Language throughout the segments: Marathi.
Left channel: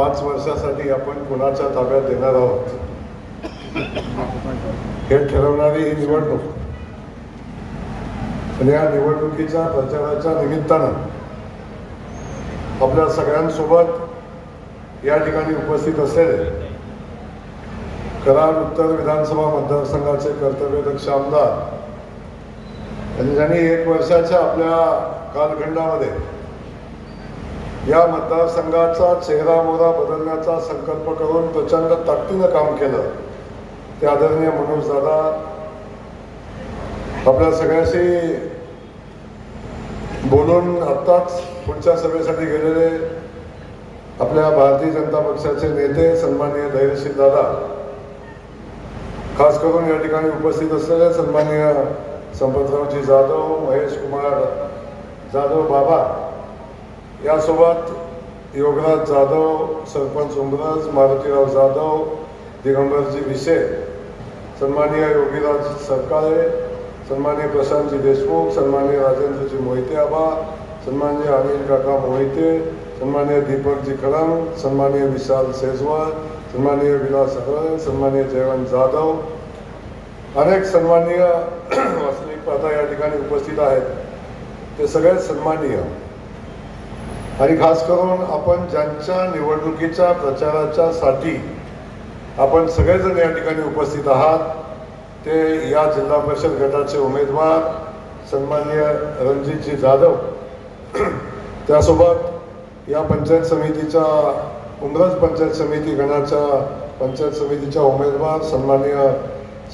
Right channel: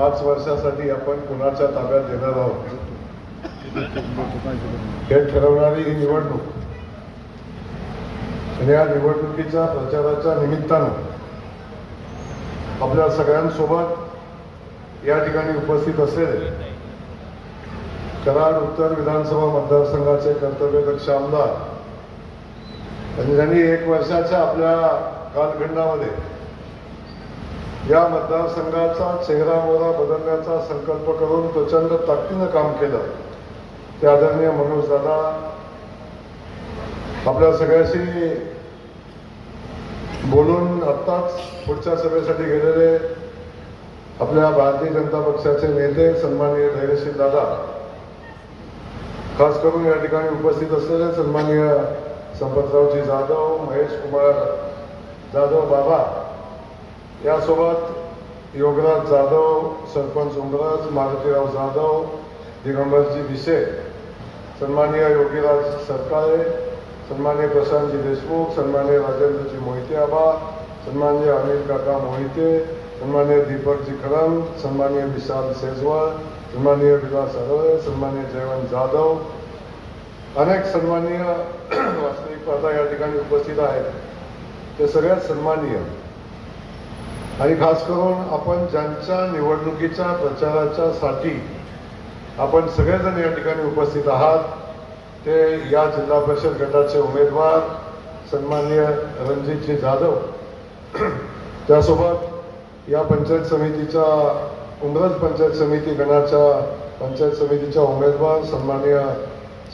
5 वर्षासाठी आपण कोणाच्या ताब्यात देणार आहोत हे ठरवणारी ही निवडणूक. आणि या निवडणुकीच्या प्रचाराच्या निमित्तानं आपल्या सगळ्यांसोबत या ठिकाणी उपस्थित असलेले कराड उत्तर विधानसभा मतदारसंघाचे कर्तव्यदक्ष आमदार ज्यांनी 1 वर्षाच्या आपल्या कालखंडामध्ये या मतदारसंघाचा चेहरा मोहरा बदलण्याचा संकल्प करून प्रचंड ताकदीनं काम केलं ते आदरणीय मनोज दादा, आपल्या सगळ्याशी बोलून आत्ताच पुढच्या सभेसाठी गेलेले आपल्या भारतीय जनता पक्षाचे नेते सन्माननीय धैर्यशील दादा, खास करून या ठिकाणी उपस्थित असलेले सन्माननीय संपतरावजी जाधव, महेश कुमार जाधव बाबा, यासोबत योगराज जाधव, सरपंच उमरज, मारुतीराव जाधव, दिगंबरजी विशे, सन्माननीय योगीराज सरकाळे, सन्माननीय प्रशांतजी देशमुख, सन्माननीय राजेंद्रजी मोहिते आबा, सन्माननीय अनिल काका मोहिते, सन्माननीय दीपकजी खरम, सन्माननीय विशाल सेजवाल, सन्माननीय विलास हरळ, सन्माननीय जयवंत जाधव, अनेक सन्माननीय वास्तविक आता या ठिकाणी उपस्थित आहेत, ते सगळ्यात सन्माननीय. आणि खास करून आपण ज्यांच्या निवडणुकीच्या प्रचाराच्या साठी आपण सगळेजण या ठिकाणी उपस्थित आहात ते या जिल्हा परिषद गटाचे उमेदवार सन्माननीय रणजितजी जाधव, त्यासोबत या पंचायत समितीच्या उमरज पंचायत समिती गणाच्या पंचायत समितीच्या उमेदवार सन्माननीय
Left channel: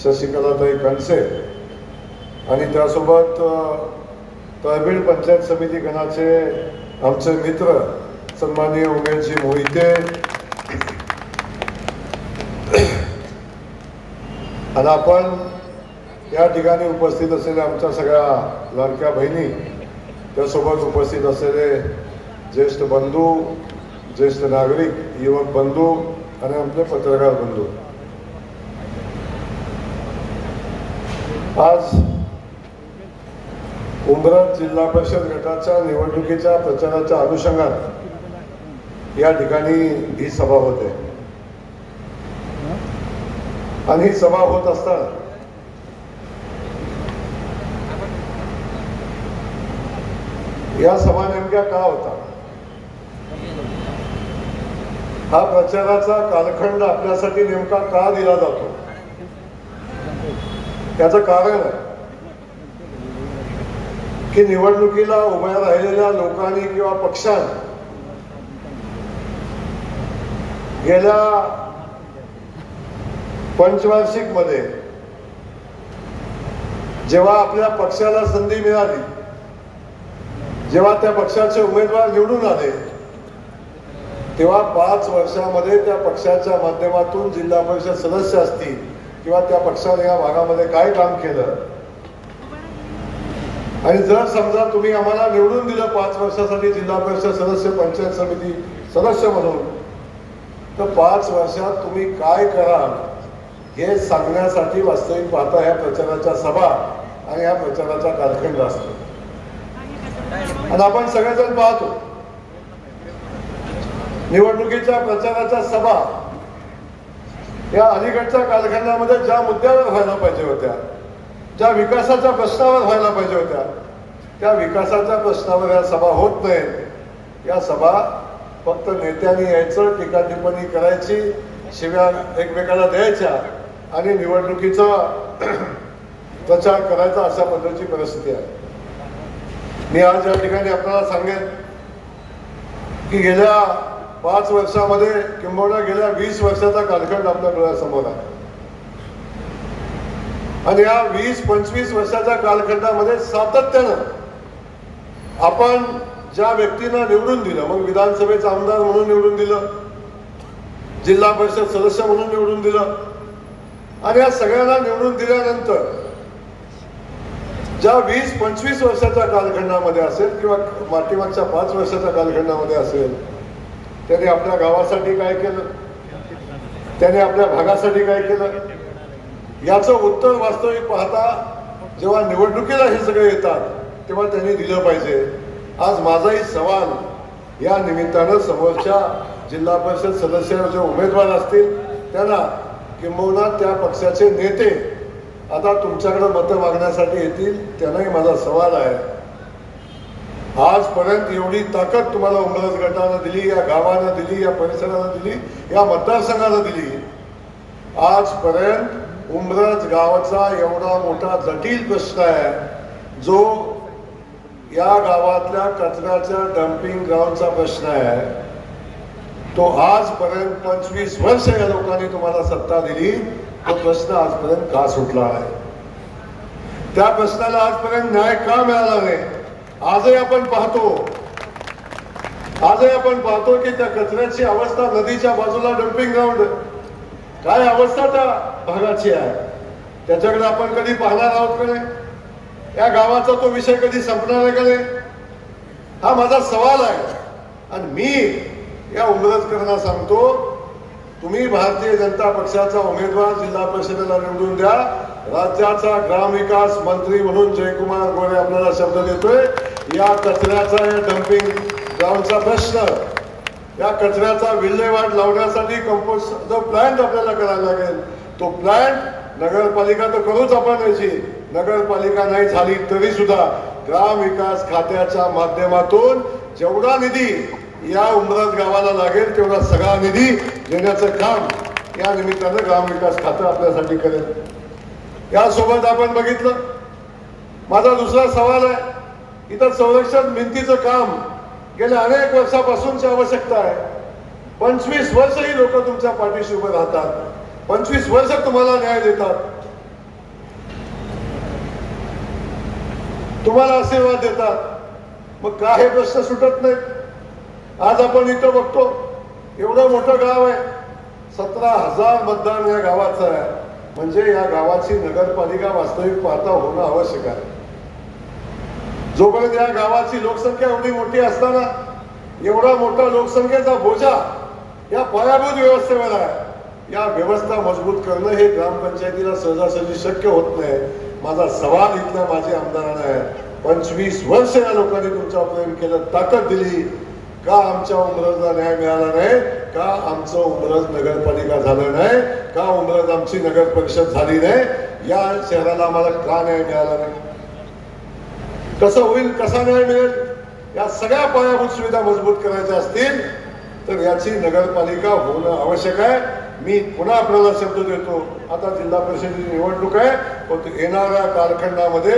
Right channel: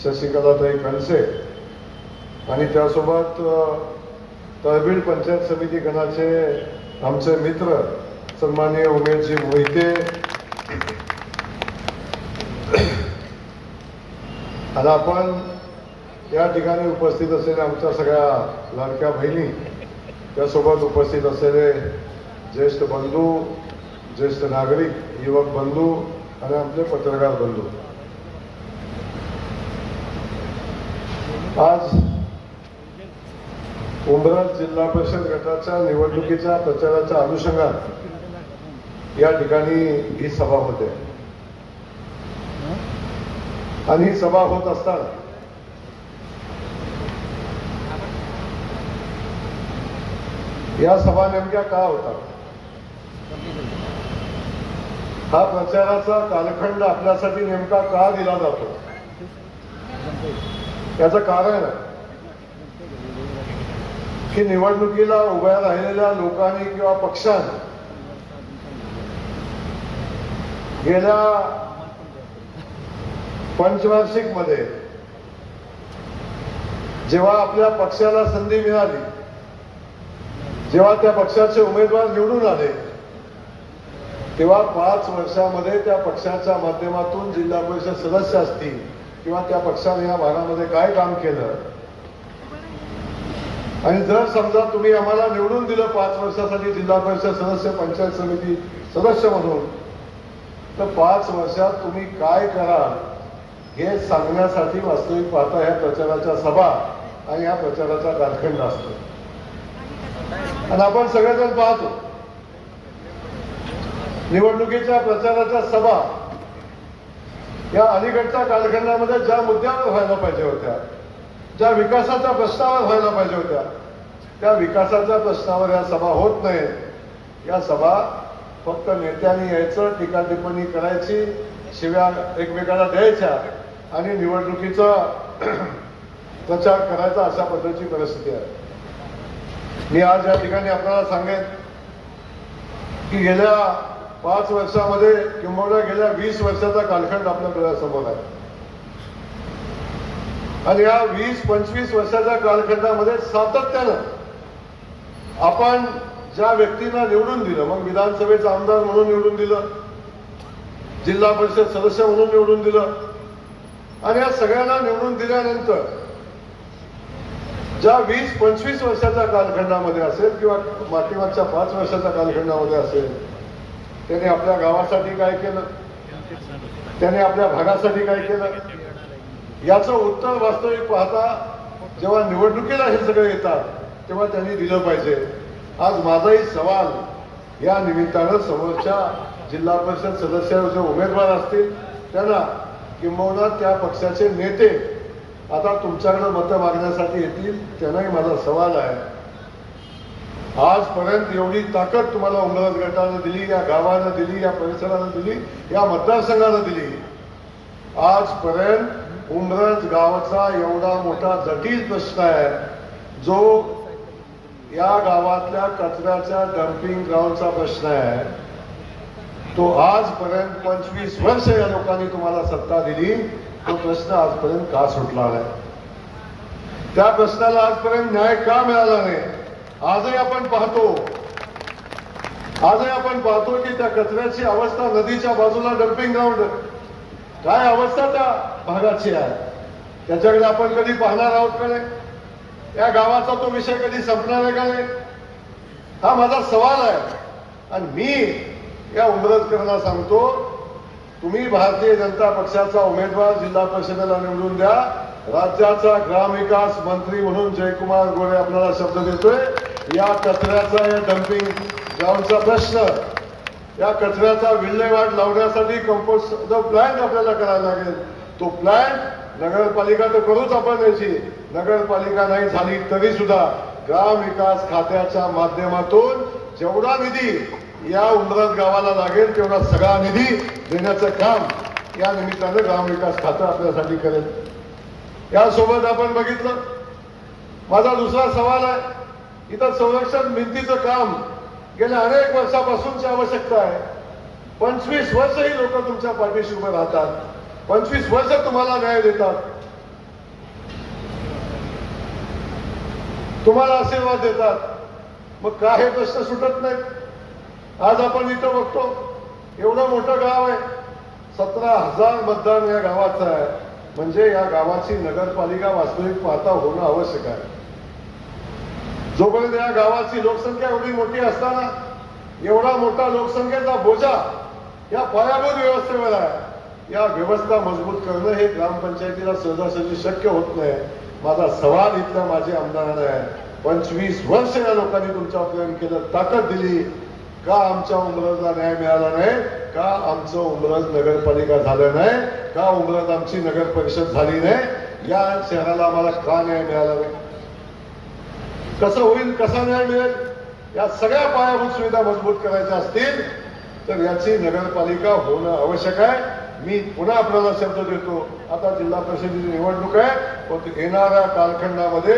शशिकलाताई कणसे, आणि त्यासोबत तळबीड पंचायत समिती गणाचे आमचे मित्र सन्माननीय उमेशजी मोहिते, आणि आपण या ठिकाणी उपस्थित असलेल्या आमच्या सगळ्या लाडक्या बहिणी, त्यासोबत उपस्थित असलेले ज्येष्ठ बंधू, ज्येष्ठ नागरिक, युवक बंधू आणि आमचे पत्रकार बंधू, आज उमरज जिल्हा परिषद गटाच्या निवडणुकीच्या प्रचाराच्या अनुषंगाने या ठिकाणी ही सभा होते. आणि ही सभा होत असताना या सभा नेमक्या का होता, हा प्रचाराचा कालखंड आपल्यासाठी नेमका का दिला जातो, त्याचं कारण आहे की निवडणुकीला उभ्या राहिलेल्या लोकांनी किंवा पक्षांनी गेल्या पंचवार्षिक मध्ये जेव्हा आपल्या पक्षाला संधी मिळाली, जेव्हा त्या पक्षाचे उमेदवार निवडून आले, तेव्हा 5 वर्षामध्ये त्या पक्षाच्या माध्यमातून जिल्हा परिषद सदस्य असतील किंवा त्या पक्षाने या भागामध्ये काय काम केलं, आणि जर समजा तुम्ही आम्हाला निवडून दिलं 5 वर्षासाठी जिल्हा परिषद सदस्य, पंचायत समिती सदस्य म्हणून, तर 5 वर्षात तुम्ही काय करा हे सांगण्यासाठी वास्तविक पाहता ह्या प्रचाराच्या सभा आणि ह्या प्रचाराचा कालखंड असतो. आणि आपण सगळेजण पाहतो निवडणुकीच्या प्रचाराच्या सभा या अलीकडच्या कालखंडामध्ये ज्या मुद्द्यावर व्हायला पाहिजे होत्या, ज्या विकासाच्या प्रश्नावर व्हायला पाहिजे होत्या, त्या विकासाच्या प्रश्नावर या सभा होत नाहीत. या सभा फक्त नेत्यांनी यायचं, टीका टिप्पणी करायची, शिव्या एकमेकाला द्यायच्या आणि निवडणुकीचा प्रचार करायचा, अशा पद्धतीची परिस्थिती आहे. मी आज या ठिकाणी आपल्याला सांगेन की गेल्या 5 वर्षामध्ये किंबहुना गेल्या 20 वर्षाचा कालखंड आपल्या डोळ्यासमोर आहे. आणि या 20-25 वर्षाच्या कालखंडामध्ये सातत्यानं आपण ज्या व्यक्तींना निवडून दिलं, मग विधानसभेचा आमदार म्हणून निवडून दिलं, जिल्हा परिषद सदस्य म्हणून निवडून दिलं, आणि या सगळ्यांना निवडून दिल्यानंतर ज्या 20-25 वर्षाच्या कालखंडामध्ये असेल किंवा पाठीमागच्या 5 वर्षाच्या कालखंडामध्ये असेल, त्याने आपल्या गावासाठी काय केलं, त्याने आपल्या भागासाठी काय केलं, याचं उत्तर वास्तविक पाहता जेव्हा निवडणुकीला हे सगळे येतात तेव्हा त्यांनी दिलं पाहिजे. आज माझाही सवाल या निमित्तानं समोरच्या जिल्हा परिषद सदस्य जे उमेदवार असतील त्यांना किंबहुना त्या पक्षाचे नेते आता तुमच्याकडे मतं मागण्यासाठी येतील, त्यांनाही माझा सवाल आहे, आजपर्यंत एवढी ताकद तुम्हाला उमरज गटानं दिली, या गावानं दिली, या परिसरानं दिली, या मतदारसंघानं दिली, आजपर्यंत उमरज गावाचा एवढा मोठा जटिल प्रश्न आहे जो या गावातल्या कचऱ्याच्या डम्पिंग ग्राउंडचा प्रश्न आहे, तो आजपर्यंत 25 वर्ष या लोकांनी तुम्हाला सत्ता दिली, तो प्रश्न आजपर्यंत का सुटला नाही? त्या प्रश्नाला आजपर्यंत न्याय का मिळाला नाही? आजही आपण पाहतो की त्या कचऱ्याची अवस्था, नदीच्या बाजूला डम्पिंग ग्राउंड, काय अवस्था त्या भागाची आहे, त्याच्याकडे आपण कधी पाहणार आहोत का नाही? या गावाचा तो विषय कधी संपणार आहे का नाही? हा माझा सवाल आहे. आणि मी या उमरजकरांना सांगतो, तुम्ही भारतीय जनता पक्षाचा उमेदवार जिल्हा परिषदेला निवडून द्या, राज्याचा ग्रामविकास मंत्री म्हणून जयकुमार गोरे आपल्याला शब्द देतोय, या कचऱ्याचा, या डम्पिंग ग्राउंडचा प्रश्न, या कचऱ्याचा विल्हेवाट लावण्यासाठी कंपोस्ट जो प्लॅन आपल्याला करायला लागेल, तो प्लॅन नगरपालिका तर करूच आपण याची, नगरपालिका नाही झाली तरी सुद्धा ग्रामविकास खात्याच्या माध्यमातून जेवढा निधी या उमरज गावाला लागेल तेवढा सगळा निधी देण्याचं काम या निमित्तानं ग्रामविकास खातं आपल्यासाठी करेल. यासोबत आपण बघितलं, माझा दुसरा सवाल आहे, इथं संरक्षण भिंतीचं काम गेल्या अनेक वर्षापासूनची आवश्यकता आहे. 25 वर्ष ही लोक तुमच्या पाठीशी उभे राहतात, 25 वर्ष तुम्हाला न्याय देतात, तुम्हाला आशीर्वाद देतात, मग का हे प्रश्न सुटत नाही? आज आपण इथं बघतो, एवढं मोठं गाव आहे, 17,000 मतदान या गावाचं आहे, म्हणजे या गावाची नगरपालिका वास्तविक पाहता होणं आवश्यक आहे. जोपर्यंत या गावाची लोकसंख्या एवढी मोठी असताना एवढा मोठा लोकसंख्येचा बोजा या पायाभूत व्यवस्थेवर आहे, या व्यवस्था मजबूत करणं हे ग्रामपंचायतीला सहजासहजी शक्य होत नाही. माझा सवाल इथल्या माझ्या आमदारांना आहे, 25 वर्ष या लोकांनी तुमच्यावर प्रेम केलं, ताकद दिली, का आमच्या उमरजला न्याय मिळाला नाही? का आमचं उमरज नगरपालिका झालं नाही? का उमरज आमची नगर परिषद झाली नाही? या शहराला आम्हाला का न्याय मिळाला नाही? कसं होईल, कसा न्याय मिळेल? या सगळ्या पायाभूत सुविधा मजबूत करायच्या असतील तर याची नगरपालिका होणं आवश्यक आहे. मी पुन्हा आपल्याला शब्द देतो, आता जिल्हा परिषदेची निवडणूक आहे, पण येणाऱ्या कालखंडामध्ये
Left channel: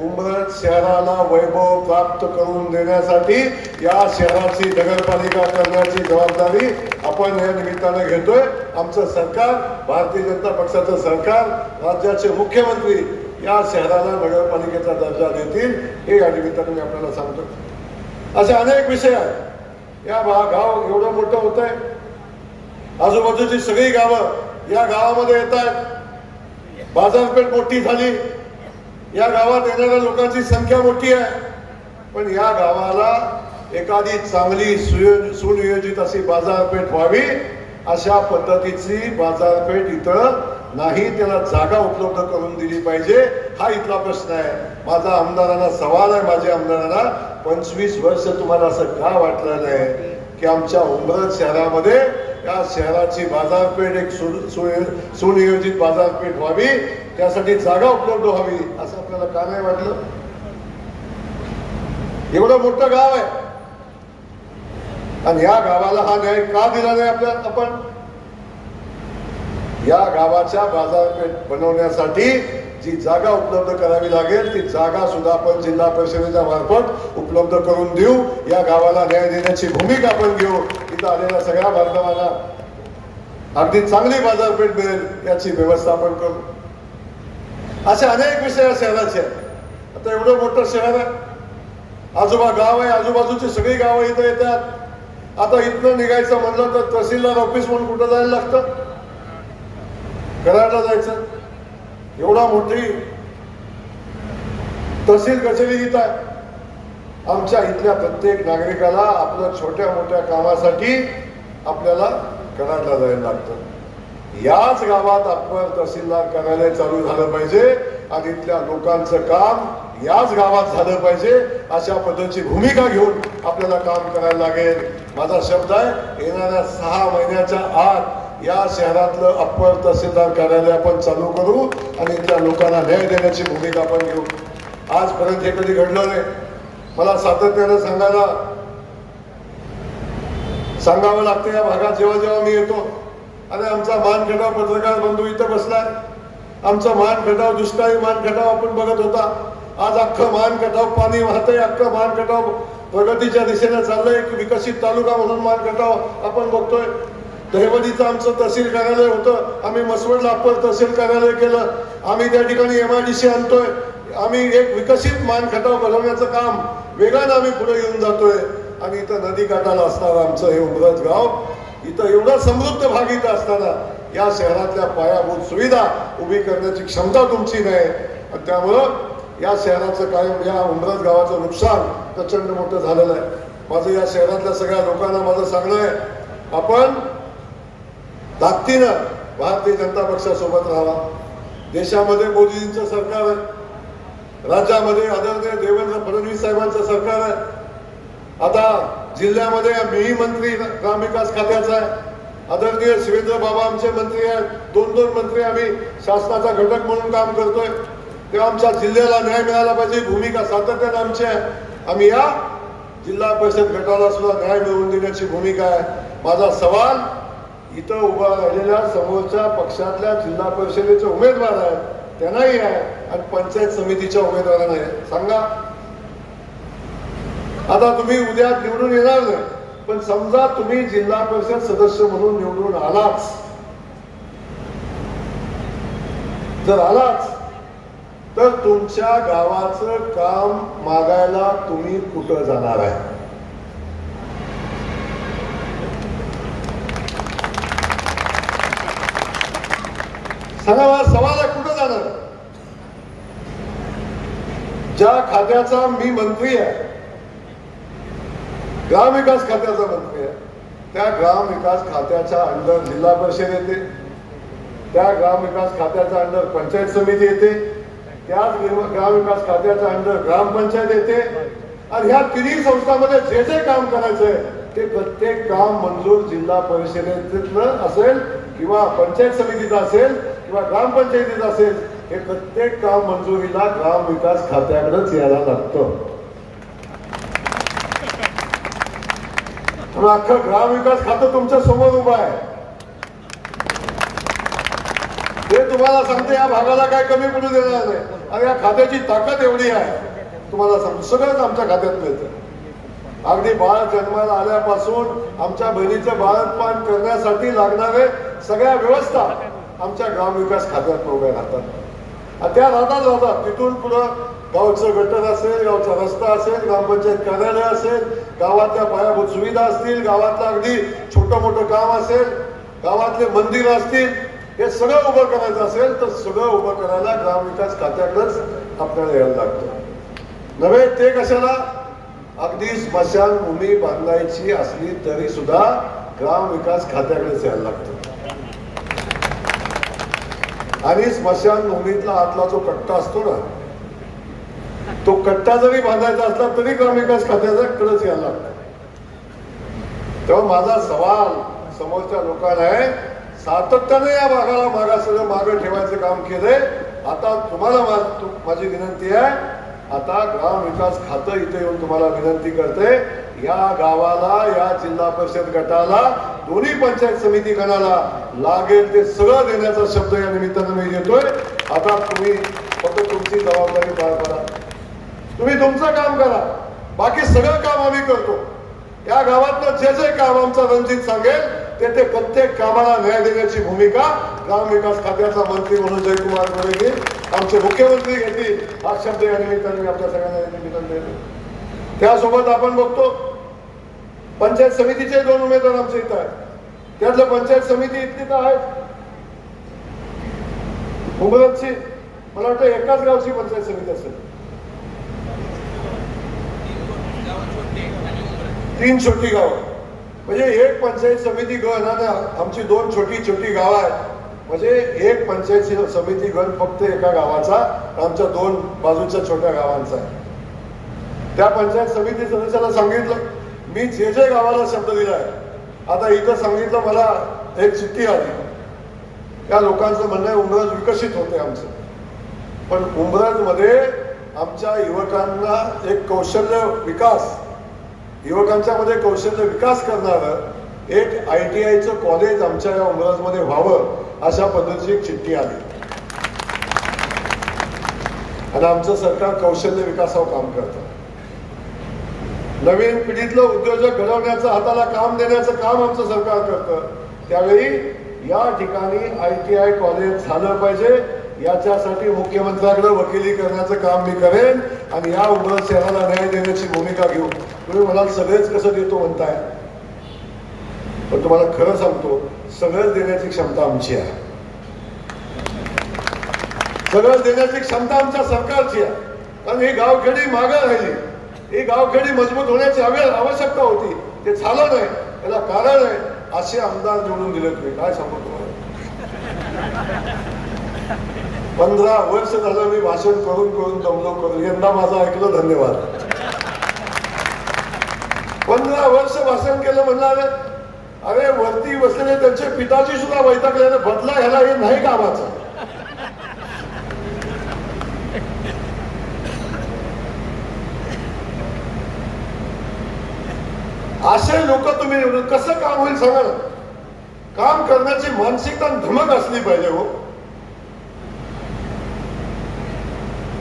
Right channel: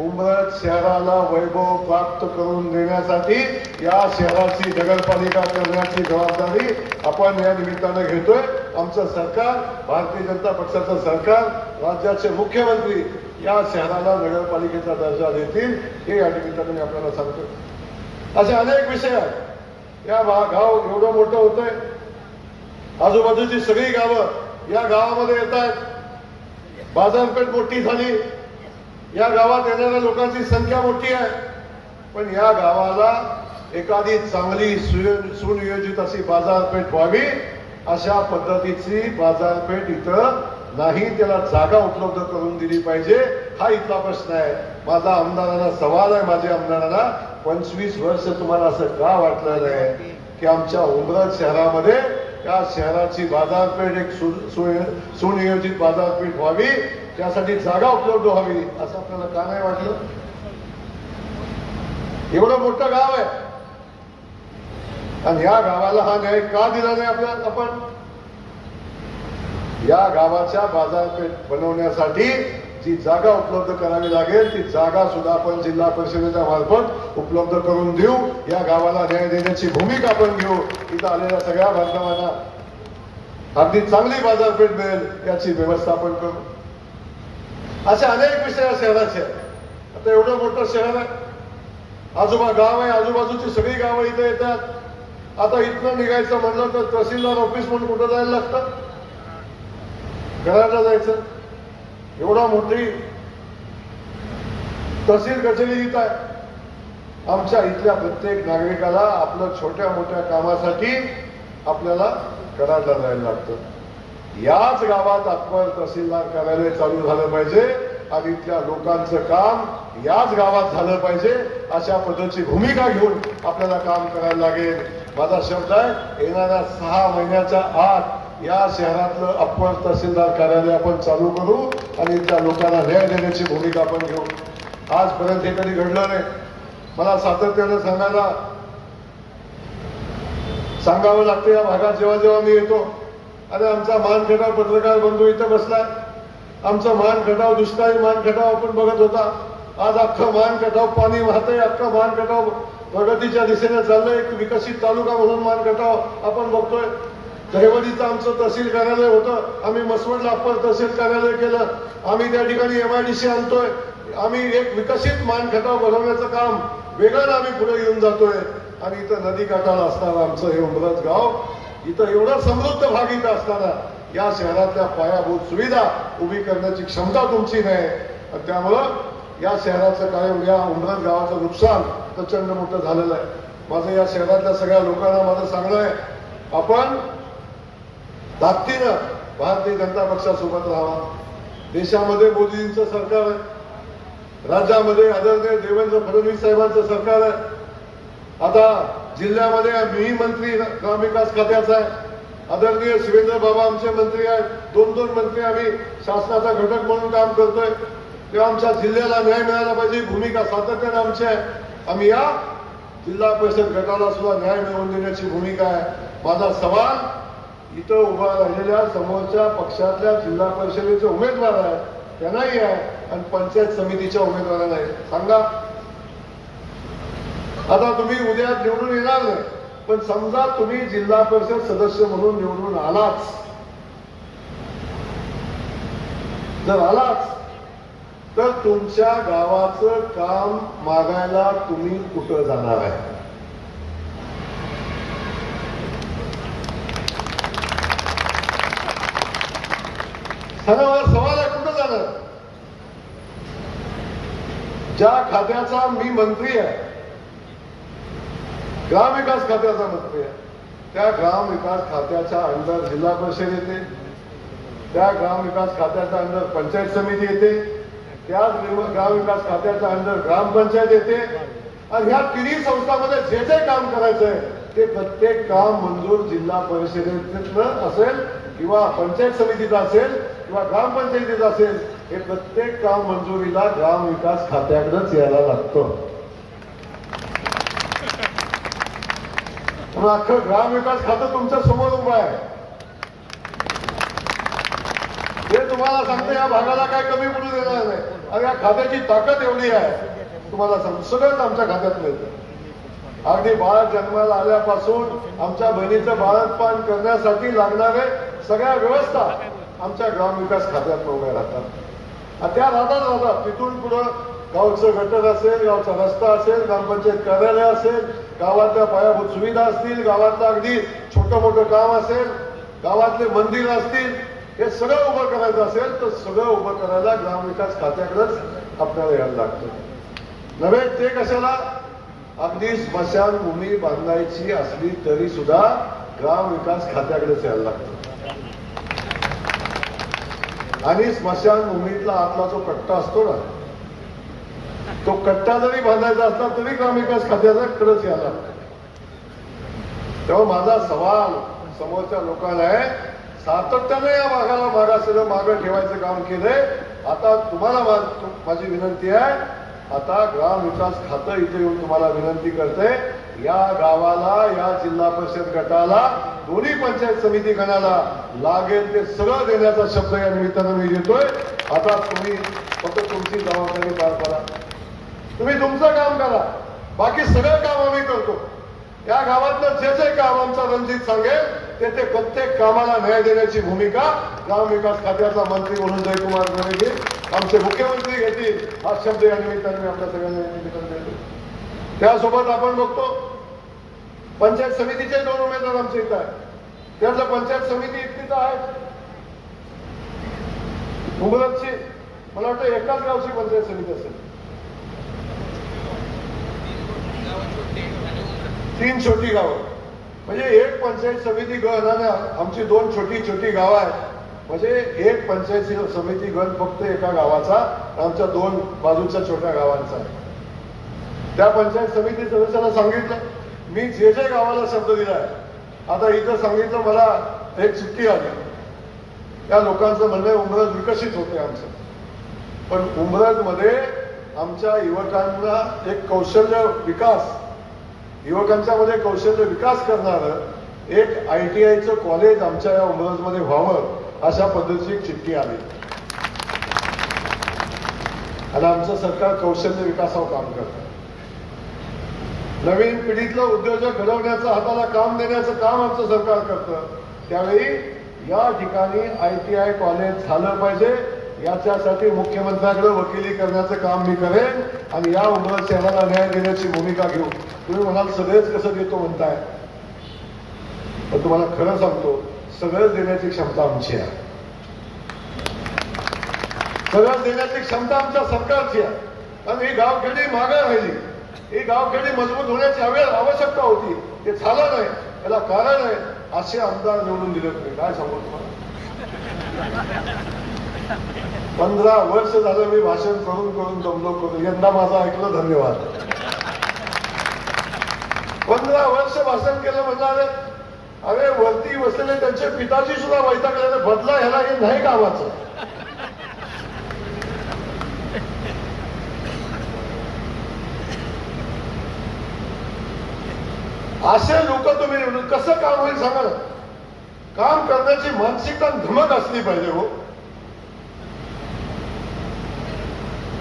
उमरज शहराला वैभव प्राप्त करून देण्यासाठी या शहराची नगरपालिका करण्याची जबाबदारी आपण या निमित्तानं घेतोय. आमचं सरकार, भारतीय जनता पक्षाचं सरकार, राज्याचे मुख्यमंत्री या शहराला नगरपालिकेचा दर्जा देतील, हे या निमित्तानं मी आपल्याला सांगतो. असे अनेक विषय आहेत. या गाव एवढं मोठं होत आहे, आजूबाजूची सगळी गावं या गावामध्ये येत आहेत, बाजारपेठ मोठी झाली, या गावात येणाऱ्या लोकांची संख्या मोठी आहे, पण या गावाला एखादी चांगली सुनियोजित अशी बाजारपेठ व्हावी, अशा पद्धतीची बाजारपेठ इथं नाही, त्याला जागा उपलब्ध करून दिली पाहिजे, हा इथला प्रश्न आहे. माझा आमदारांना सवाल आहे, माझ्या आमदारांना, 25 वर्ष तुम्हाला असं का वाटलं नाही की आमच्या उमरज शहरामध्ये या शहराची बाजारपेठ एक सुनियोजित बाजारपेठ व्हावी, त्यासाठी जागा उपलब्ध व्हावी, असं आपल्याला का नाही वाटलं? एवढं मोठं गाव आहे आणि या गावाला हा न्याय का दिला नाही आपल्याला? आपण या गावाच्या बाजारपेठ बनवण्यासाठी जी जागा उपलब्ध करावी लागेल, ती जागा सुद्धा आपण जिल्हा परिषदेच्या मार्फत उपलब्ध करून देऊ. या गावाला न्याय देण्याची भूमिका आपण घेऊ. इथं आलेल्या सगळ्या बांधवांना अगदी चांगली बाजारपेठ मिळेल याची व्यवस्था आपण करू. असे अनेक विषय या शहराचे. आता एवढं मोठं शहर आहे, आजोबा गाव आहे, आजूबाजूची सगळी गावं इथं येतात. आता इथनं निघायचं म्हणलं तर तहसीलदार ऑफिस म्हणून कुठं जायला लागतं, कराडला जायचं. एवढा मोठी तहसील कचेरी इथं आहे. आमच्या इथल्या प्रत्येक नागरिकाला आपल्या छोट्या मोठ्या कामासाठी आपल्याला कराडला जायला लागतं. याच गावात आपण तहसीलदार कार्यालय चालू झालं पाहिजे आणि इथल्या लोकांचं काम याच गावात झालं पाहिजे, अशा पद्धतीची भूमिका घेऊन आपल्याला काम करायला लागेल. माझा शब्द आहे, येणाऱ्या 6 महिन्याच्या आत या शहरातलं अप्पर तहसीलदार कार्यालय आपण चालू करू आणि त्या लोकांना न्याय देण्याची भूमिका आपण घेऊ. आजपर्यंत हे कधी घडलं नाही. मला सातत्याने सांगावं लागतं या भागात जेव्हा जेव्हा मी येतो, अरे आमचा मानखटाव पत्रकार बंधू इथं बसलाय, आमचा मानखटाव दुष्काळी मानखटाव आपण बघत होता. आज अख्खं मानखटाव पाणी वाहतंय, अख्खं मानखटाव प्रगतीच्या दिशेने चाललंय. विकसित तालुका म्हणून मानखटाव आपण बघतोय. दहिवडीचं आमचं तहसील कार्यालय होतं, आम्ही मसवडला अप्पर तहसील कार्यालय केलं. आम्ही त्या ठिकाणी MIDC आणतोय. आम्ही एक विकसित मानखटाव बनवण्याचं काम वेगानं आम्ही पुढे घेऊन जातोय. आणि इथं नदी काठाला असताना आमचं हे उमरत गाव, इथं एवढा समृद्ध भाग इथं असताना या शहरातल्या पायाभूत सुविधा उभी करण्याची क्षमता तुमची नाही. आणि त्यामुळं या शहराचं कायम या उमरत गावाचं नुकसान प्रचंड मोठं झालेलं आहे. माझं या शहरातल्या सगळ्या लोकांना माझं सांगणं आहे, आपण ताकदीनं भारतीय जनता पक्षासोबत राहावा. देशामध्ये मोदीजींचं सरकार आहे, राज्यामध्ये आदरणीय देवेंद्र फडणवीस साहेबांचं सरकार आहे. आता जिल्ह्यामध्ये मीही मंत्री ग्रामविकास खात्याचा आहे. आदरणीय शिवेंद्र बाबा आमचे मंत्री आहेत. 2 मंत्री आम्ही शासनाचा घटक म्हणून काम करतोय. तेव्हा आमच्या जिल्ह्याला न्याय मिळाला पाहिजे भूमिका सातत्याने आमची आहे. आम्ही या जिल्हा परिषद गटाला सुद्धा न्याय मिळवून देण्याची भूमिका आहे. माझा सवाल इथं उभा राहिलेल्या समोरच्या पक्षातल्या जिल्हा परिषदेचे उमेदवार आहेत त्यांनाही आहे आणि पंचायत समितीच्या उमेदवारांना आहे. सांगा, आता तुम्ही उद्या निवडून येणार नाही, पण समजा तुम्ही जिल्हा परिषद सदस्य म्हणून निवडून आलाच, जर आलाच तर तुमच्या गावाचं काम मागायला तुम्ही कुठं जाणार आहे? सगळा सवाल आहे, कुठं जाणार? ज्या खात्याचा मी मंत्री आहे, ग्रामविकास खात्याचा मंत्री आहे, त्या ग्रामविकास खात्याच्या अंडर जिल्हा परिषद येते, त्या ग्रामविकास खात्याच्या अंडर पंचायत समिती येते, त्याच ग्रामविकास खात्याच्या अंडर ग्रामपंचायत येते. आणि ह्या तिन्ही संस्थांमध्ये जे जे काम करायचंय ते प्रत्येक काम मंजूर जिल्हा परिषदेतलं असेल किंवा पंचायत समितीचं असेल किंवा ग्रामपंचायतीचं असेल, हे प्रत्येक काम मंजुरीला ग्रामविकास खात्याकडेच यायला लागतं. अख्खं ग्रामविकास खातं तुमच्या समोर उभं आहे. ते तुम्हाला सांगते या भागाला काय कमी पडू देणार नाही. आणि या खात्याची ताकद एवढी आहे, तुम्हाला सांगतो सगळंच आमच्या खात्यात मिळतं. अगदी बाळ जन्माला आल्यापासून आमच्या बहिणीचं बाळंतपण करण्यासाठी लागणारे सगळ्या व्यवस्था आमच्या ग्रामविकास खात्यात उभ्या राहतात. त्या राहतात तिथून पुढं गावचं गटर असेल, गावचा रस्ता असेल, ग्रामपंचायत कार्यालय असेल, गावातल्या पायाभूत सुविधा असतील, गावातलं अगदी छोटं मोठं काम असेल, गावातले मंदिर असतील, हे सगळं उभं करायचं असेल तर सगळं उभं करायला ग्रामविकास खात्याकडेच आपल्याला यायला लागतं. नव्हे ते कशाला, अगदी स्मशानभूमी बांधायची असली तरी सुद्धा ग्रामविकास खात्याकडेच यायला लागतं. आणि स्मशानभूमीतला आतला जो कट्टा असतो ना, तो कट्टा जरी बांधायचा असला तरी ग्रामविकास खात्याचा कडेच यायला लागतं. तेव्हा माझा सवाल समोरच्या लोकांना आहे, सातत्याने या भागाला मागं ठेवायचं काम केलंय. आता तुम्हाला माझी विनंती आहे, आता ग्रामविकास खातं इथे येऊन तुम्हाला विनंती करते, या गावाला, या जिल्हा परिषद गटाला, दोन्ही पंचायत समिती गणाला लागेल ते सगळं देण्याचा शब्द या निमित्तानं मी देतोय. आता तुम्ही फक्त तुमची जबाबदारी पार करा, तुम्ही तुमचं काम करा, बाकी सगळं काम आम्ही करतो. या गावातलं जे जे काम आमचा रणजित सांगेल ते प्रत्येक कामाला न्याय देण्याची भूमिका ग्रामविकास खात्याचा मंत्री म्हणून जयकुमार गोरे घेईल, आमचे मुख्यमंत्री घेतील. हा शब्द या निमित्ताने मी आपल्या सगळ्यांना निमित्ताने देतो. त्यासोबत आपण बघतो पंचायत समितीचे 2 उमेदवार आमच्या इथं आहेत. त्यातलं पंचायत समिती इतकी तर आहे उमरतची, मला वाटतं एकाच गावची पंचायत समिती असेल. 3 छोटी गावं, म्हणजे एक पंचायत समिती गण आणि आमची 2 छोटी गावं आहेत. म्हणजे एक पंचायत समिती गण फक्त एका गावाचा, आमच्या 2 बाजूच्या छोट्या गावांचा. त्या पंचायत समिती सदस्याला सांगितलं, मी जे जे गावाला शब्द दिलाय, आता इथं सांगितलं मला एक चिठ्ठी आली, त्या लोकांचं म्हणणं उमरज विकसित होते आमचं, पण उमरजमध्ये आमच्या युवकांना एक कौशल्य विकास, युवकांच्या मध्ये कौशल्य विकास करणारं एक ITIचं कॉलेज आमच्या या उमरजमध्ये व्हावं अशा पद्धतीची एक चिठ्ठी आली आणि आमचं सरकार कौशल्य विकासावर काम करतं. नवीन पिढीतलं उद्योजक घडवण्याचं, हाताला काम देण्याचं काम आमचं सरकार करतं. त्यावेळी या ठिकाणी ITI कॉलेज झालं पाहिजे, याच्यासाठी मुख्यमंत्र्यांकडे वकिली करण्याचं काम मी करेन आणि या उमरज शहराला न्याय देण्याची भूमिका घेऊ. तुम्ही मला सगळेच कसं देतो म्हणताय, पण तुम्हाला खरं सांगतो, सगळंच देण्याची क्षमता आमची आहे. सगळं देण्याची क्षमता आमच्या सरकारची आहे. आणि ही गावखेडी मागे राहिली, ही गावखेडी मजबूत होण्याची आवश्यकता होती, ते झालं नाही. याला कारण आहे असे आमदार निवडून दिले. तुम्ही काय सांगू तुम्हाला, 15 वर्ष झालं मी भाषण करून करून दमलो करून, यंदा माझं ऐकलं, धन्यवाद. 15 वर्ष भाषण केलं म्हणणार, अरे वरती बसलेले त्यांचे पिताजी सुद्धा वैतागले, बदला ह्याला हे नाही कामाचं. असे लोक तुम्ही निवडून कसं काम होईल सांगा ना. काम करण्याची मानसिकता धमक असली पाहिजे. हो,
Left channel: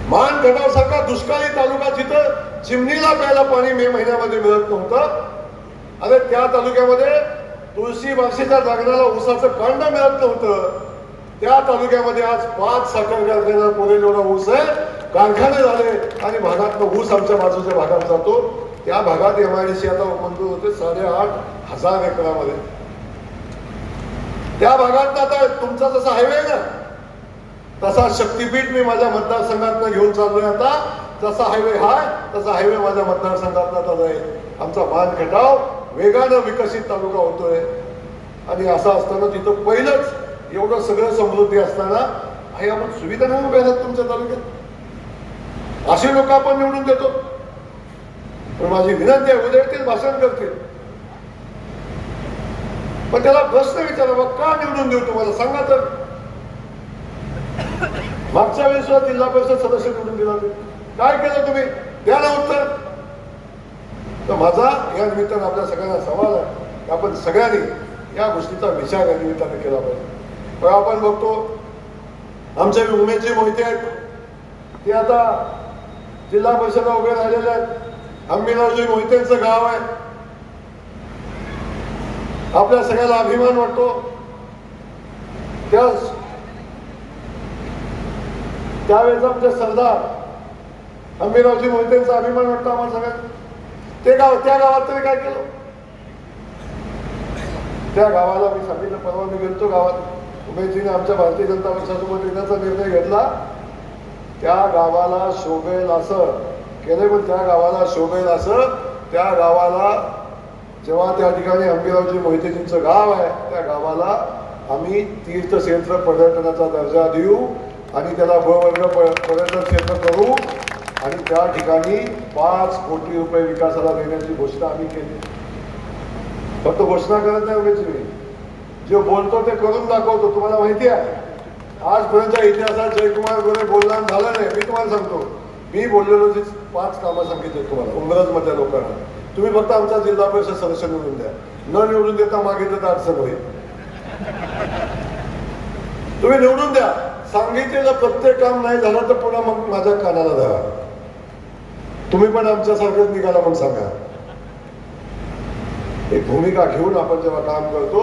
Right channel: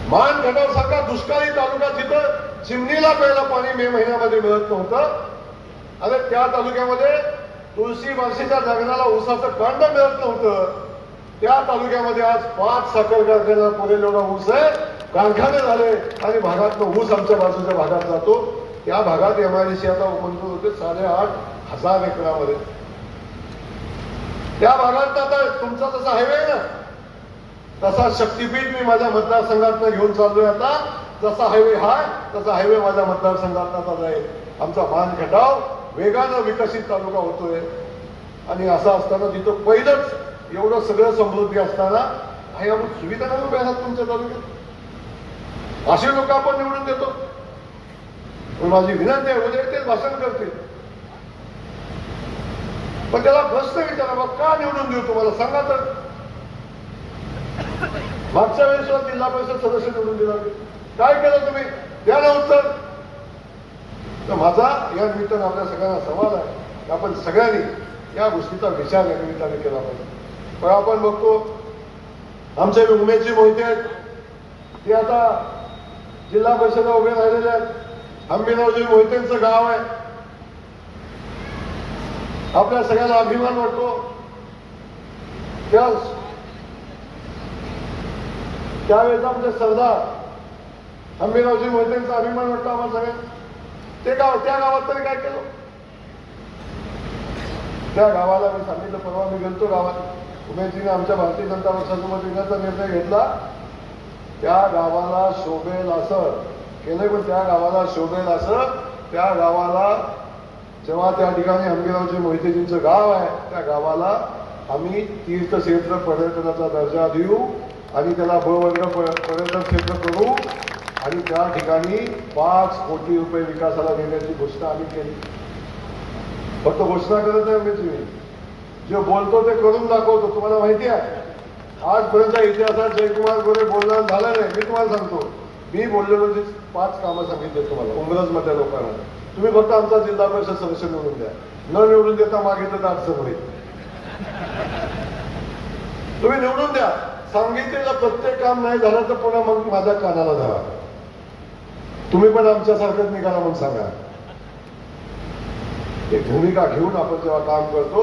मानगडावसारखा दुष्काळी तालुका जिथं चिमणीला प्यायला पाणी मे महिन्यामध्ये मिळत नव्हतं, अरे त्या तालुक्यामध्ये तुळशी बारशीच्या जगण्याला ऊसाचं कांड मिळत नव्हतं, त्या तालुक्यामध्ये आज 5 साखर कारखान्याला पुरेल एवढा ऊस आहे, कारखाने झाले आणि भागात ऊस आमच्या बाजूच्या भागात जातो. त्या भागात MIDC आता मंजूर होते 8,500 एकरामध्ये. त्या भागात आता तुमचा जसा हायवे ना, तसा शक्तीपीठ मी माझ्या मतदारसंघात घेऊन चाललोय. आता जसा हायवे हाय तसा हायवे माझ्या मतदारसंघात आता जाईल. आमचा मानखटाव वेगानं विकसित तालुका होतोय आणि असं असताना तिथं पहिलंच एवढं सगळं समृद्धी असताना आणि आपण सुविधा नाही उभ्या आहेत तुमच्या तालुक्यात. असे लोक आपण निवडून देतो. माझी विनंती आहे, उद्या ते भाषण करतील, पण त्याला प्रश्न विचारा, का निवडून देऊ तुम्हाला सांगा तर. मागच्या वेळेस जिल्हा परिषद सदस्य निवडून दिला, काय केलं तुम्ही, द्या ना उत्तर. तर माझा या निमित्तानं आपल्या सगळ्यांना सवाल आहे की आपण सगळ्यांनी या गोष्टीचा विचार या निमित्ताने केला पाहिजे. तर आपण बघतो आमच्या उमेदची मोहिते आहेत, ते आता जिल्हा परिषदा उभे राहिलेले आहेत. अंबिलाजी मोहितेंचं गाव आहे, आपल्या सगळ्याला अभिमान वाटतो. त्यावेळेस आमचे सरदार अंबिलाजी मोहितेंचा अभिमान वाटतो आम्हाला सगळ्यांना. ते गाव, त्या गावात तरी काय केलं, त्या गावाला मी सांगितलं, परवा मी गेलतो गावात, उमेदजीने आमच्या भारतीय जनता पक्षासोबत येण्याचा निर्णय घेतला. त्या गावाला शोभेल असं केलं, पण त्या गावाला शोभेल असं, त्या गावाला जेव्हा त्या ठिकाणी अंबिरावजी मोहितेजींचं गाव आहे, त्या गावाला आम्ही तीर्थक्षेत्र पर्यटनाचा दर्जा देऊ आणि त्याला ब वर्ग पर्यटन क्षेत्र करू आणि त्या ठिकाणी 5 कोटी रुपये विकासाला देण्याची घोषणा आम्ही केली. फक्त घोषणा करत नाही उमेदजी, जे बोलतो ते करून दाखवतो. तुम्हाला माहिती आहे, आजपर्यंत इतिहासात जयकुमार गोरे बोलणार झाला नाही. मी तुम्हाला सांगतो, मी बोललेलो जे 5 कामं सांगितले तुम्हाला उमरजमधल्या लोकांना, तुम्ही फक्त आमचा जिल्हा परिषद सदस्य निवडून द्या. न निवडून देता मागितलं तर अडचण होईल. तुम्ही निवडून द्या. सांगितलेलं प्रत्येक काम नाही झालं तर पुन्हा मग माझ्या कानाला धरा. तुम्ही पण आमच्यासारखंच निघाला म्हणून सांगा. एक भूमिका घेऊन आपण जेव्हा काम करतो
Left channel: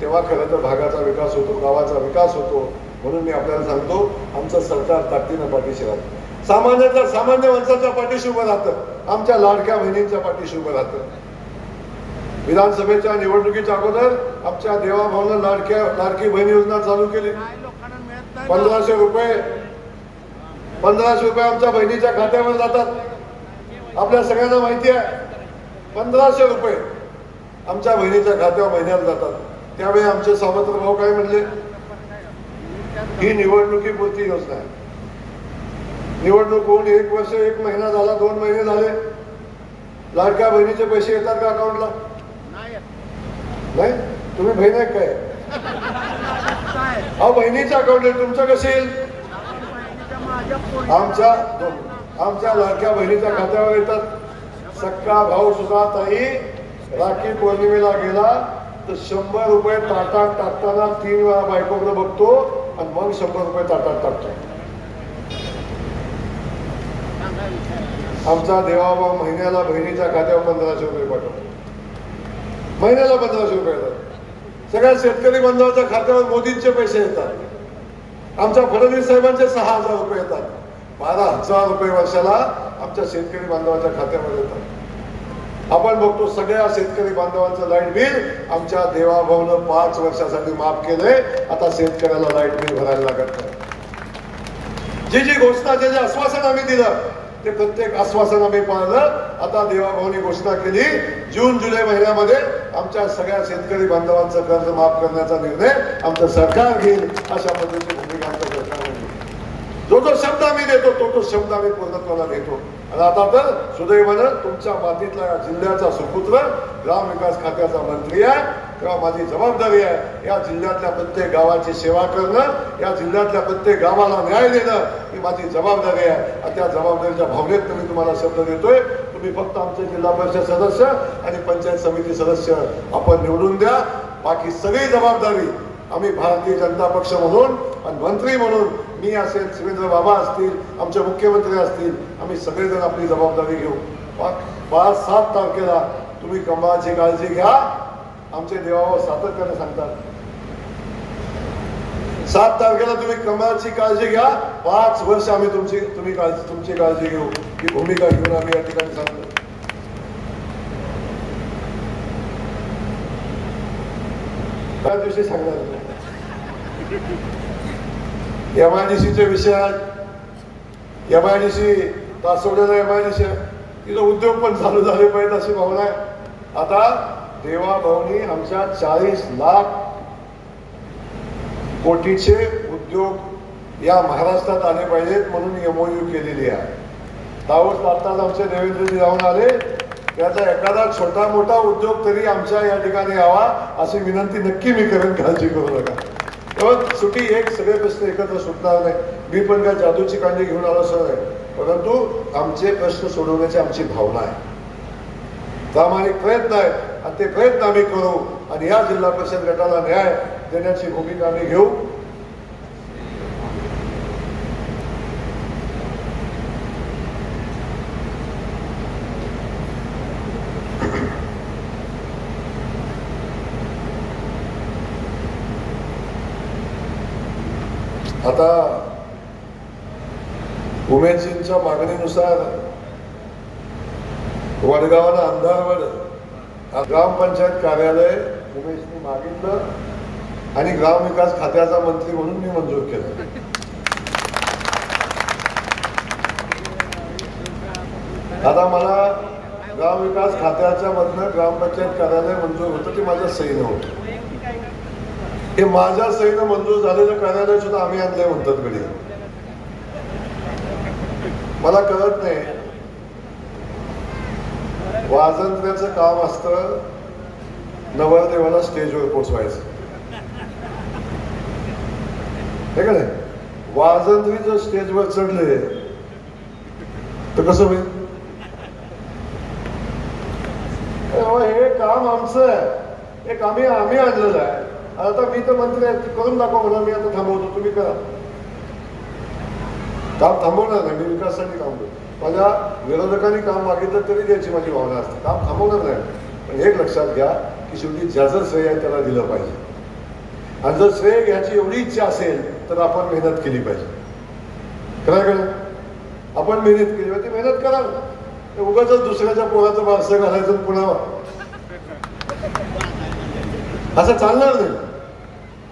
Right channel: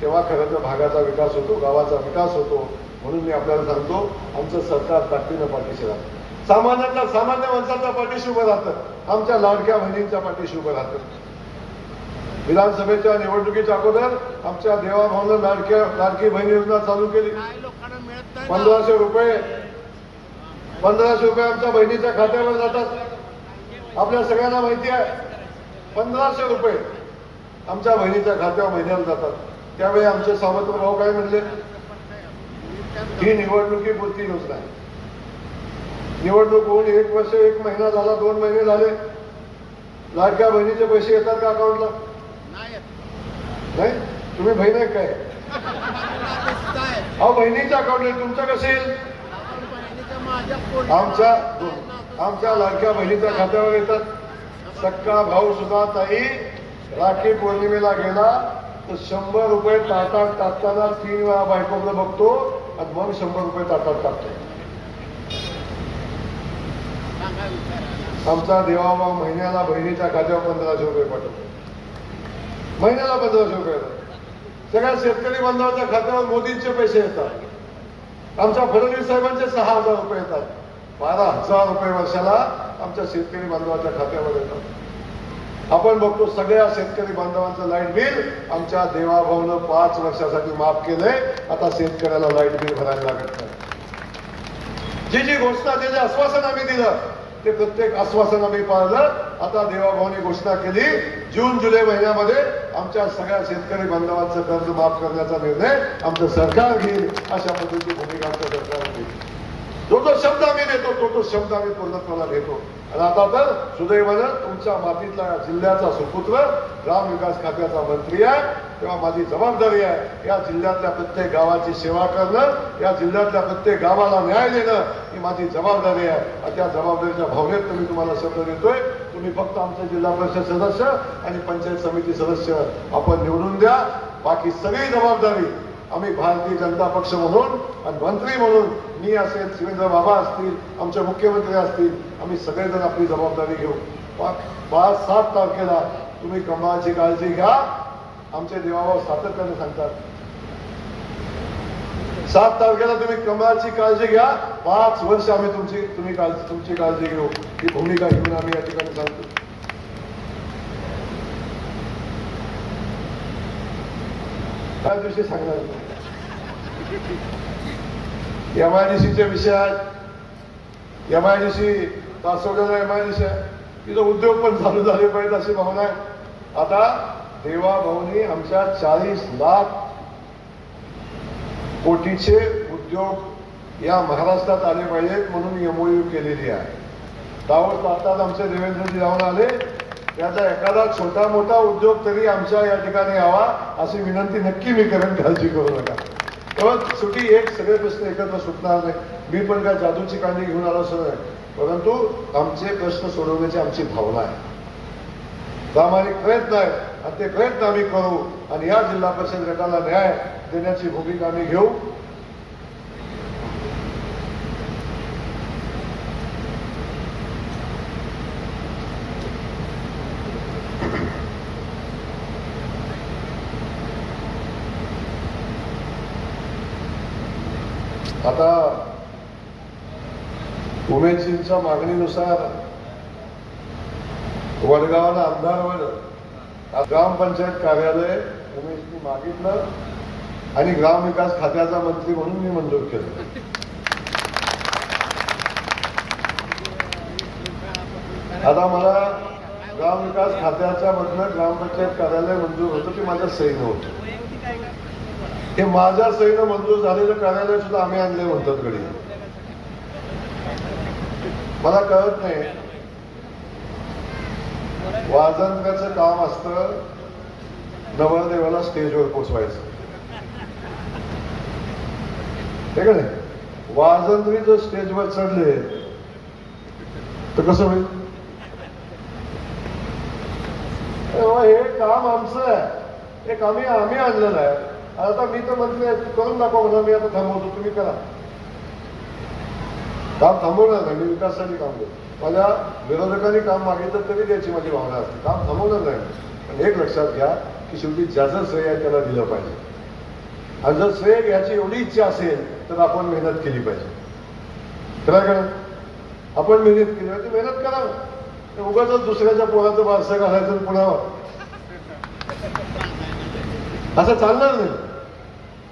तेव्हा खरं तर भागाचा विकास होतो, गावाचा विकास होतो. म्हणून मी आपल्याला सांगतो, आमचं सरकार ताकदीनं पाठीशी राहतं. सामान्याच्या सामान्य माणसाच्या पाठीशी उभं राहतं, आमच्या लाडक्या बहिणींच्या पाठीशी उभं राहतं. विधानसभेच्या निवडणुकीच्या अगोदर आमच्या देवाभाऊनं लाडकी बहीण योजना चालू केली. 1500 रुपये आमच्या बहिणीच्या खात्यावर जातात. आपल्या सगळ्यांना माहिती आहे, 1500 रुपये आमच्या बहिणीच्या खात्यावर महिन्याला जातात. त्यावेळी आमचे सावत्र भाऊ काय म्हणले, ही निवडणुकीपुरती योजना आहे. निवडणूक होऊन 1 वर्ष 1 महिना झाला, 2 महिने झाले, लाडक्या बहिणीचे पैसे येतात का अकाउंटला? नाही. तुम्ही बहीण आहे काय? हा बहिणीच्या अकाउंटला, तुमचं कसं येईल? आमच्या लाडक्या बहिणीच्या खात्यावर येतात. सक्का भाऊ सुद्धा ताई राखी पौर्णिमेला गेला तर 100 रुपये ताटात टाकताना 3 वेळा बायकोकडे बघतो आणि मग 100 रुपये ताटात टाकतो. आमचा देवाभाऊ महिन्याला बहिणीच्या खात्यावर 1500 रुपये पाठवतो. महिन्याला 1500 रुपये. सगळ्या शेतकरी बांधवांच्या खात्यावर मोदींचे पैसे येतात. आमच्या फडणवीस साहेबांचे 6000 रुपये येतात. 12,000 रुपये वर्षाला आमच्या शेतकरी बांधवांच्या खात्यावर येतात. आपण बघतो सगळ्या शेतकरी बांधवांचं लाईट बिल आमच्या देवाभाऊनं 5 वर्षासाठी माफ केलंय. आता शेतकऱ्याला लाईट बिल भरायला लागत नाही. जी घोषणा, जे आश्वासन आम्ही दिलं ते प्रत्येक आश्वासन आम्ही पाळलं. आता देवाभाऊनी घोषणा केली जून जुलै महिन्यामध्ये आमच्या सगळ्या शेतकरी बांधवांचं कर्ज माफ करण्याचा निर्णय आमचं सरकार घेईल. अशा पद्धतीची भूमिका आमच्या सरकारने घेतली. जो शब्द आम्ही देतो तो शब्द आम्ही पूर्णत्वाला घेतो. आणि आता तर सुदैवानं तुमच्या मातीतला जिल्ह्याचा सुपुत्र ग्रामविकास खात्याचा मंत्री आहे, तेव्हा माझी जबाबदारी आहे या जिल्ह्यातल्या प्रत्येक गावाची सेवा करणं, या जिल्ह्यातल्या प्रत्येक गावाला न्याय देणं ही माझी जबाबदारी आहे. आणि त्या जबाबदारीच्या भावनेत मी तुम्हाला शब्द देतोय. तुम्ही फक्त आमचे जिल्हा परिषद सदस्य आणि पंचायत समिती सदस्य आपण निवडून द्या. बाकी सगळी जबाबदारी आम्ही भारतीय जनता पक्ष म्हणून आणि मंत्री म्हणून, मी असेल, शिवेंद्र बाबा असतील, आमचे मुख्यमंत्री असतील, आम्ही सगळेजण आपली जबाबदारी घेऊ. 5-7 तारखेला तुम्ही कमळाची काळजी घ्या. आमचे देवाभाऊ सातत्याने सांगतात 7 तारखेला तुम्ही कमळाची काळजी घ्या. 5 वर्ष आम्ही तुमची काळजी घेऊ. ही भूमिका घेऊन आम्ही या ठिकाणी सांगतो. त्या दिवशी सांगणार MIDCच्या विषयात, MIDC तासवड्याला MIDC तिथं उद्योग पण चालू झाले पाहिजेत अशी भावना आहे. आता देवाभाऊनी आमच्या 40 लाख कोटीचे उद्योग या महाराष्ट्रात आले पाहिजेत म्हणून MOU केलेली आहे. दाऊद आत्ताच आमचे देवेंद्रजी जाऊन आले. त्याचा एखादा छोटा मोठा उद्योग तरी आमच्या या ठिकाणी यावा अशी विनंती नक्की मी करेन. काळजी करू नका. तेव्हा सुटी एक सगळे प्रश्न एकत्र सुटणार नाही. मी पण काय जादूची कांडी घेऊन आलो असं नाही, परंतु आमचे प्रश्न सोडवण्याची आमची भावना आहे, प्रामाणिक प्रयत्न आहे. आणि ते प्रयत्न आम्ही करू आणि या जिल्हा परिषद गटाला न्याय देण्याची भूमिका आम्ही घेऊ. आता उमेदजींच्या मागणीनुसार वडगावाला अंधारवर ग्रामपंचायत कार्यालय उमेशनी मागितलं आणि ग्रामविकास खात्याचा मंत्री म्हणून मी मंजूर केलं. आता मला ग्रामविकास खात्याच्या मधनं ग्रामपंचायत कार्यालय मंजूर होतं ते माझ्या सहीनं होतं. हे माझ्या सहीनं मंजूर झालेलं कार्यालय सुद्धा आम्ही आणलंय म्हणतात घडी. मला कळत नाही, वाजंत्र्याचं काम असतं नवरदेवाला स्टेजवर पोचवायचं, हे का नाही? वाजंत्री जर स्टेजवर चढले तर कसं होईल? हे काम आमचं आहे, हे काम आम्ही आणलेलं आहे. आता मी तर मंत्री आहे, करून दाखवा म्हणा. मी आता थांबवतो, तुम्ही करा. काम थांबवणार नाही, मी विकासासाठी काम करतो. मला विरोधकांनी काम मागितलं तरी द्यायची माझी भावना असते. काम थांबवणार नाही, पण एक लक्षात घ्या की शेवटी ज्याचं श्रेय आहे त्याला दिलं पाहिजे. आणि जर श्रेय घ्यायची एवढी इच्छा असेल तर आपण मेहनत केली पाहिजे. करा करा, आपण मेहनत केली पाहिजे. मेहनत करा. उगाच दुसऱ्याच्या पोराचं वारसं घालायचं पुन्हा असं चालणार नाही.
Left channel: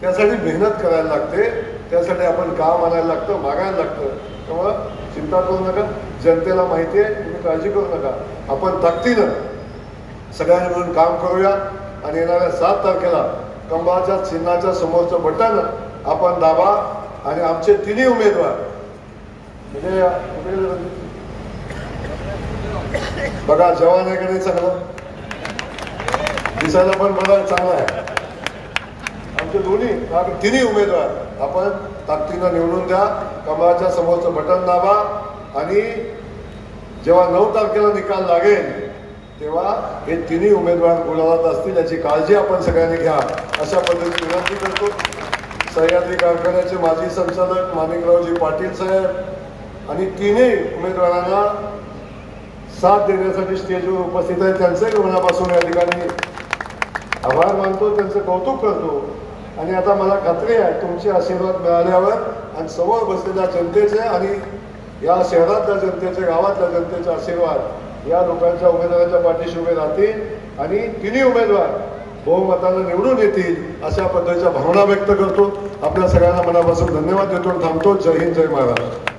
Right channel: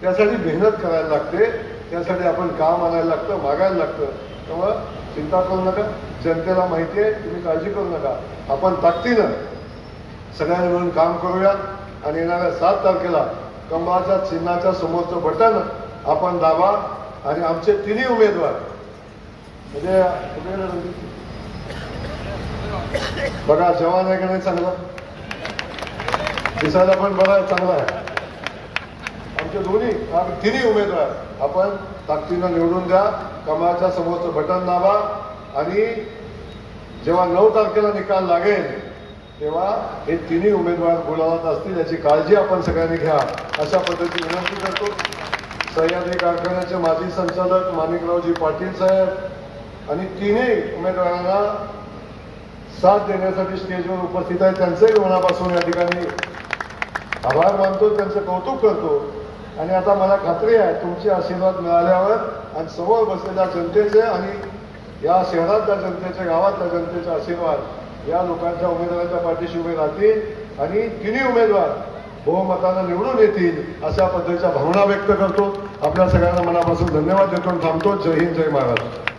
त्यासाठी मेहनत करायला लागते, त्यासाठी आपण काम आणायला लागतं, मागायला लागतं. त्यामुळं चिंता करू नका, जनतेला माहिती आहे, तुम्ही काळजी करू नका. आपण ताकदीनं सगळ्यांनी मिळून काम करूया आणि येणाऱ्या 7 तारखेला कंबाच्या चिन्हाच्या समोरचं बटन आपण दाबा आणि आमचे 3 उमेदवार म्हणजे बघा जवान आहे का नाही चांगला, दिसायला पण बघा चांगला आहे. आमचे तिन्ही उमेदवार आपण ताकदीनं निवडून द्या. कमळाच्या समोरचं बटन दाबा आणि जेव्हा 9 तारखेला निकाल लागेल तेव्हा हे तिन्ही उमेदवार गुलालात असतील याची काळजी आपण सगळ्यांनी घ्या, अशा पद्धतीने विनंती करतो. सह्याद्री कारखान्याचे माजी संचालक माणिकरावजी पाटील साहेब आणि तिन्ही उमेदवारांना साथ देण्यासाठी स्टेजवर उपस्थित आहे, त्यांचंही मनापासून या ठिकाणी आभार मानतो, त्यांचं कौतुक करतो. आणि आता मला खात्री आहे तुमचे आशीर्वाद मिळाल्यावर आणि समोर बसलेल्या जनतेचे आणि या शहरातल्या जनतेचे, गावातल्या जनतेचे आशीर्वाद या लोकांच्या उमेदवारांच्या पाठीशी उभे राहतील आणि तिन्ही उमेदवार बहुमतानं निवडून येतील अशा पद्धतीच्या भावना व्यक्त करतो. आपल्या सगळ्यांना मनापासून धन्यवाद देतो. थांबतो. जय हिंद, जय महाराष्ट्र.